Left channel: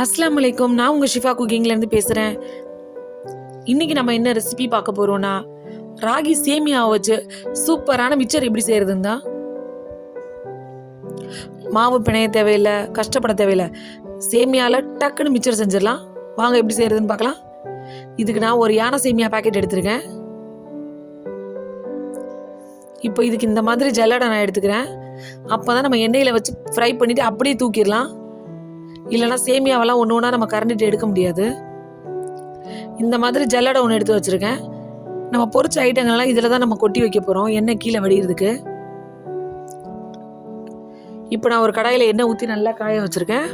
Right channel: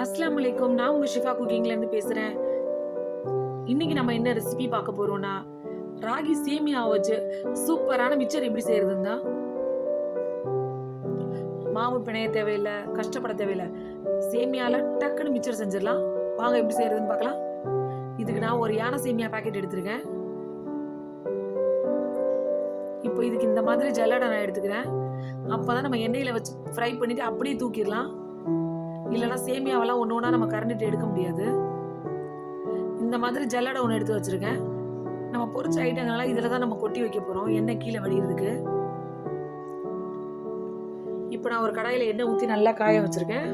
அஸ்ஸலாமு அலைக்கும். நான் உங்கள் ஷிஃபா குக்கிங்லேருந்து பேசுகிறேன். இன்றைக்கி நம்ம என்ன ரெசிபி பார்க்க போகிறோன்னா, ராகி சேமியாவை வச்சு சூப்பரான மிச்சர் எப்படி செய்கிறதுன்னு தான். மாவு பிணைய தேவையில்லை, கஷ்டப்பட தேவையில்லை. சேமியாவில் டக்குன்னு மிச்சர் செஞ்சிடலாம். வாங்க எப்படி செய்கிறதுன்னு பார்க்கலாம். இதுக்கு நான் ஒரு யானை சேமியா பேக்கெட் எடுத்துருக்கேன். இப்போ இதுக்கு இந்த மாதிரி ஜல்லடை நான் எடுத்துக்கிறேன். அப்போ தான் நம்ம எண்ணெயில் வச்சு ஃப்ரை பண்ணிவிட்டு அப்படியே தூக்கிடலாம். இல்லைனா சேமியாவெல்லாம் ஒன்று ஒன்றா நம்ம கரண்டிட்டு எடுக்க முடியாது. இந்த மாதிரி ஜல்லடை ஒன்று எடுத்து வச்சுருக்கேன். நம்ம பொரிச்ச ஐட்டங்கள்லாம் இதில் தான் நம்ம கொட்டி வைக்க போகிறோம், எண்ணெய் கீழே வடிகிறதுக்கு. இப்போ நான் ஒரு கடாயில் எண்ணெய் ஊற்றி நல்லா காய வச்சுருக்கேன்.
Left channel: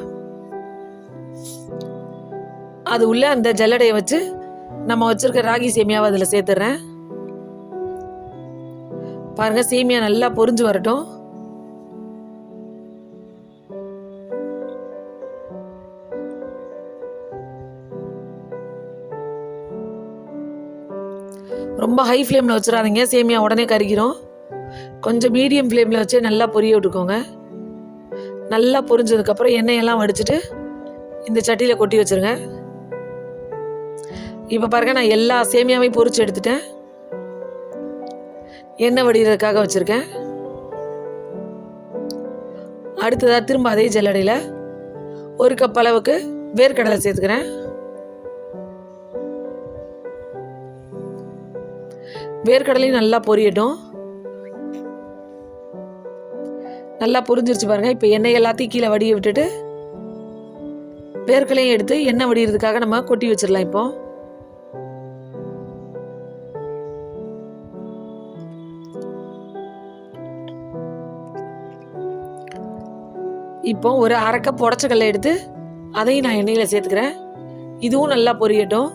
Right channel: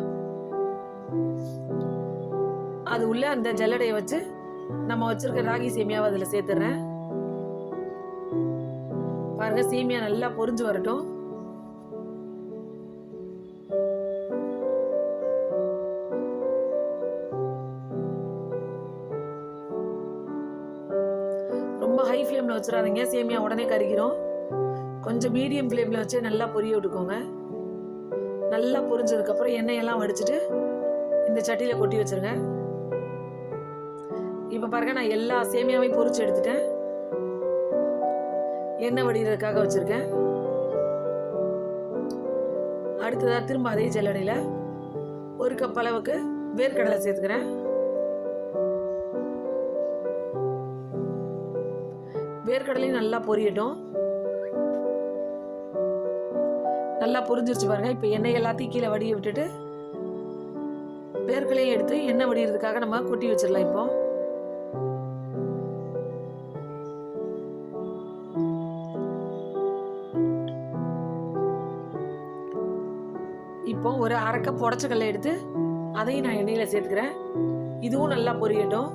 அது உள்ள அந்த ஜல்லடையை வச்சு நம்ம வச்சுருக்க ராகி சேமியாவை அதில் சேர்த்துட்றேன். பாருங்கள், சேமியா நல்லா பொரிஞ்சு வரட்டும். ரொம்ப ஹை ஃப்ளேமில் வச்சிடாதீங்க, சேமியா உடனே கருகிரும். கொஞ்சம் மீடியம் ஃப்ளேமில் வச்சு நல்லா பொரிய விட்டுக்கோங்க. நல்லா பொரிஞ்சதுக்கப்புறம் எண்ணெயெல்லாம் வடிச்சிட்டு இந்த சட்டியில் கொட்டி வச்சுருங்க. இப்போ பாருங்கள், நான் எல்லா சேமியாவையும் பொரிச்சு எடுத்துட்டேன். எண்ணெய் வடிகிறதுக்காக வச்சுருக்கேன். அடுத்ததாக திரும்ப அதே ஜல்லடையில் ஒரு கப் அளவுக்கு வேர்க்கடலை சேர்த்துக்கிறேன். வேர்க்கடலையும் நல்லா பொரியட்டும். நல்லா பொரிஞ்சிருச்சு பாருங்க. இப்போ எண்ணெய் எல்லாத்தையும் கீழே வடிய விட்டுட்டு வேர்க்கடலையும் எடுத்து எண்ணெய் வடிகிறதுக்காக நம்ம கொட்டி வச்சிடலாம். இப்போ ஒரு அரை கப் உடச்சக்கல்லை எடுத்து அதையும் நான் எண்ணெயில் சேர்த்துக்கிறேன். இதுவும் நல்லா பொரியட்டும்.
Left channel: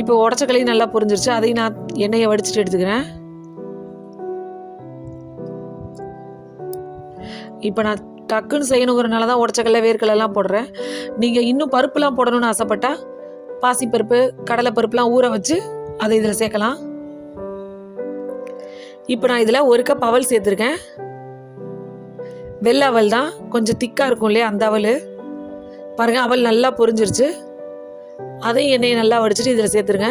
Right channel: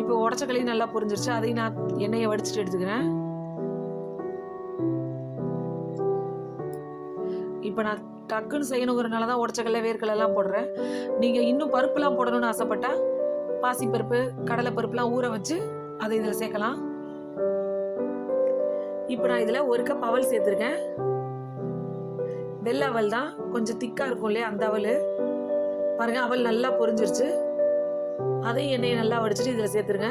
இப்போ உடச்சக்கல்லையும் நல்லா பொரிஞ்சிருச்சு. அதையும் நான் எண்ணெயை வடிச்சிட்டு எடுத்துக்கிறேன். இப்போ நான் டக்குன்னு செய்யணுங்கிறனால தான் உடச்சக்கல்லை வேர்க்கடலைலாம் போடுறேன். நீங்கள் இன்னும் பருப்புலாம் போடணும்னு ஆசைப்பட்டா பாசிப்பருப்பு, கடலைப்பருப்புலாம் ஊற வச்சு அதை இதில் சேர்க்கலாம். இப்போ நான் இதில் ஒரு கப் அவல் சேர்த்துருக்கேன். வெள்ளை அவல் தான், கொஞ்சம் திக்காக இருக்கும் இல்லையா, அந்த அவல். பாருங்கள், அவல் நல்லா பொரிஞ்சிருச்சு. அதையும் எண்ணெயை நல்லா வடிச்சிட்டு இதில் சேர்த்துருங்க.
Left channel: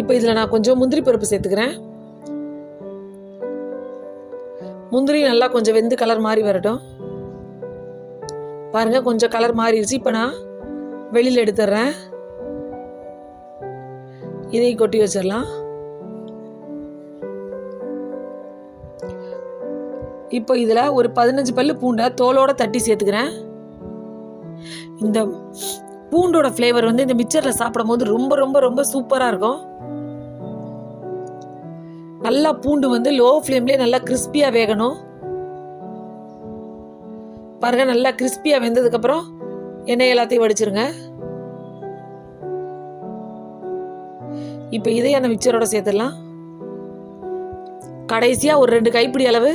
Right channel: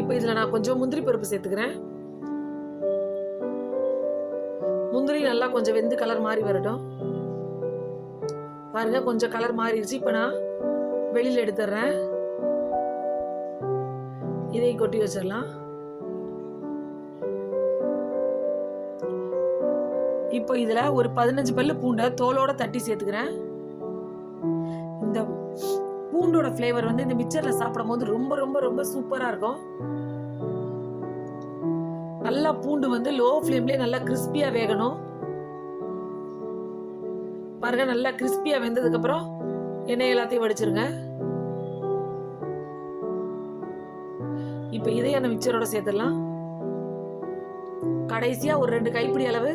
இப்போ இதில் நான் கொஞ்சம் முந்திரி பருப்பு சேர்த்துக்கிறேன். முந்திரி நல்லா கொஞ்சம் வெந்து கலர் மாறி வரட்டும். பாருங்க, கொஞ்சம் கலர் மாறிடுச்சு. இப்போ நான் வெளியில் எடுத்துடுறேன். இதையும் கொட்டி வச்சிடலாம். இப்போ இதில் ஒரு 15 பல்லு பூண்டை தோலோட தட்டி சேர்த்துக்கிறேன். இந்த பூண்டோட ஃப்ளேவர் வந்து இந்த மிக்சரில் சாப்பிடும் போது ரொம்ப ரொம்ப ரொம்ப சூப்பராக இருக்கும். நல்லா பூண்டு வந்து லோ ஃப்ளேம்லேயே நல்லா கிறிஸ்பியாக வேகணும். பாருங்க, நல்லா கிறிஸ்பியாக வெந்ததுக்கப்புறம் எண்ணெய் எல்லாத்தையும் வடிச்சிருங்க. இப்போ இதையும் அந்த மிக்சரோட சேர்த்துடலாம். கடைசியாக ஒரு 2 கைப்பிடி அளவு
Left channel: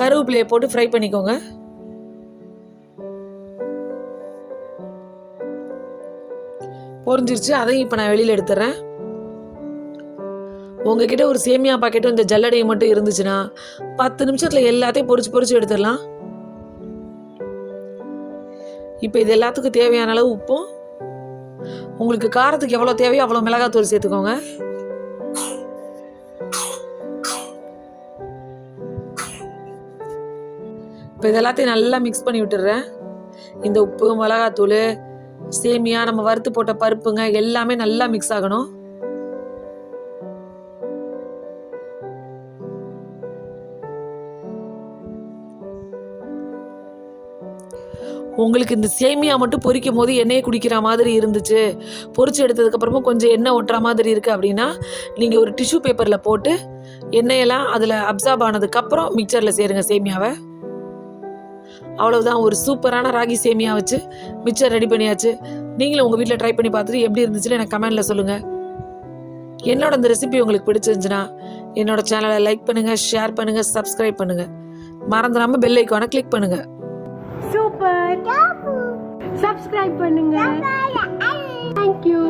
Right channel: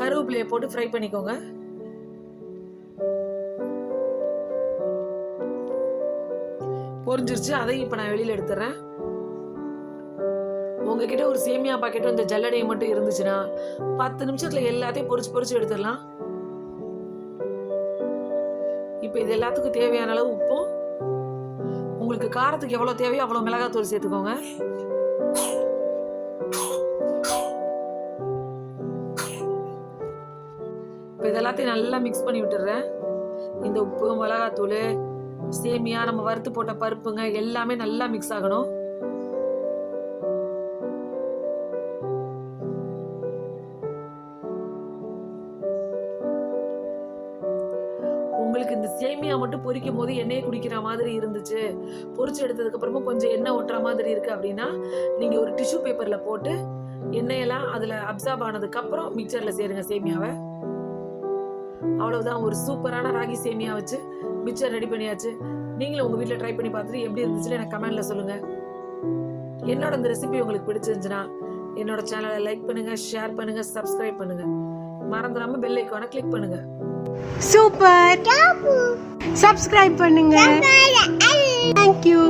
கருவேப்பிலையை போட்டு ஃப்ரை பண்ணிக்கோங்க. பொரிஞ்சிருச்சு. அதையும் இப்போ நான் வெளியில் எடுத்துறேன். உங்ககிட்ட ஒரு சேமியா பாக்கெட்டும் இந்த ஜல்லடையும் மட்டும் இருந்துச்சுன்னா 10 நிமிஷத்தில் எல்லாத்தையும் பொரிச்சு எடுத்துடலாம். இப்போ இது எல்லாத்துக்கும் தேவையான அளவு உப்பும், உங்களுக்கு காரத்துக்கு எவ்வளோ தேவையோ அவ்வளோ மிளகாத்தூள் சேர்த்துக்கோங்க. இப்போ இது எல்லாத்தையும் நல்லா மிக்ஸ் பண்ணி விட்டுடுறேன். இந்த உப்பு, மிளகாத்தூள், சேமியா, நம்ம வறுத்து போட்ட பருப்புங்க எல்லாமே நல்லா மிக்ஸ் ஆகணும். உங்களுக்கு இந்த சேமியா மட்டும் பொரிக்கும் போது எண்ணெயை குடிக்கிற மாதிரி இருந்துச்சு, பொரிச்சு எடுத்ததுக்கப்புறமும் கொஞ்சம் எண்ணெய் ஒட்டுற மாதிரி இருக்குது அப்படின்னா நீங்கள் ஒரு டிஷ்யூ பேப்பரில் போட்டு எண்ணெயெல்லாம் அதில் அப்சார்ப் ஆனதுக்கப்புறம் மிக்சரில் சேருங்க சேமியாவை. அவ்வளவுதான், ஒரு சூப்பரான ராகி சேமியா வச்சு மிக்சர் ரெடி பண்ணியாச்சு. நீங்களும் உங்கள் வீட்டில் ட்ரை பண்ணி பார்த்துட்டு எப்படி இருந்துச்சுன்னு எனக்கு கமெண்டில் சொல்லுங்கள். என்னோட இந்த ரெசிபி உங்களுக்கு பிடிச்சிருந்துச்சுன்னா என்னோட சேனலை லைக் பண்ணுங்கள், ஷேர் பண்ணுங்கள், சப்ஸ்கிரைப் பண்ணுங்கள். மறந்துடாமல் பெல் ஐக்கானை கிளிக் பண்ணுங்கள். சூப்பர். சப்ஸ்கிரைப் பண்ணுங்க. தேங்க்யூ.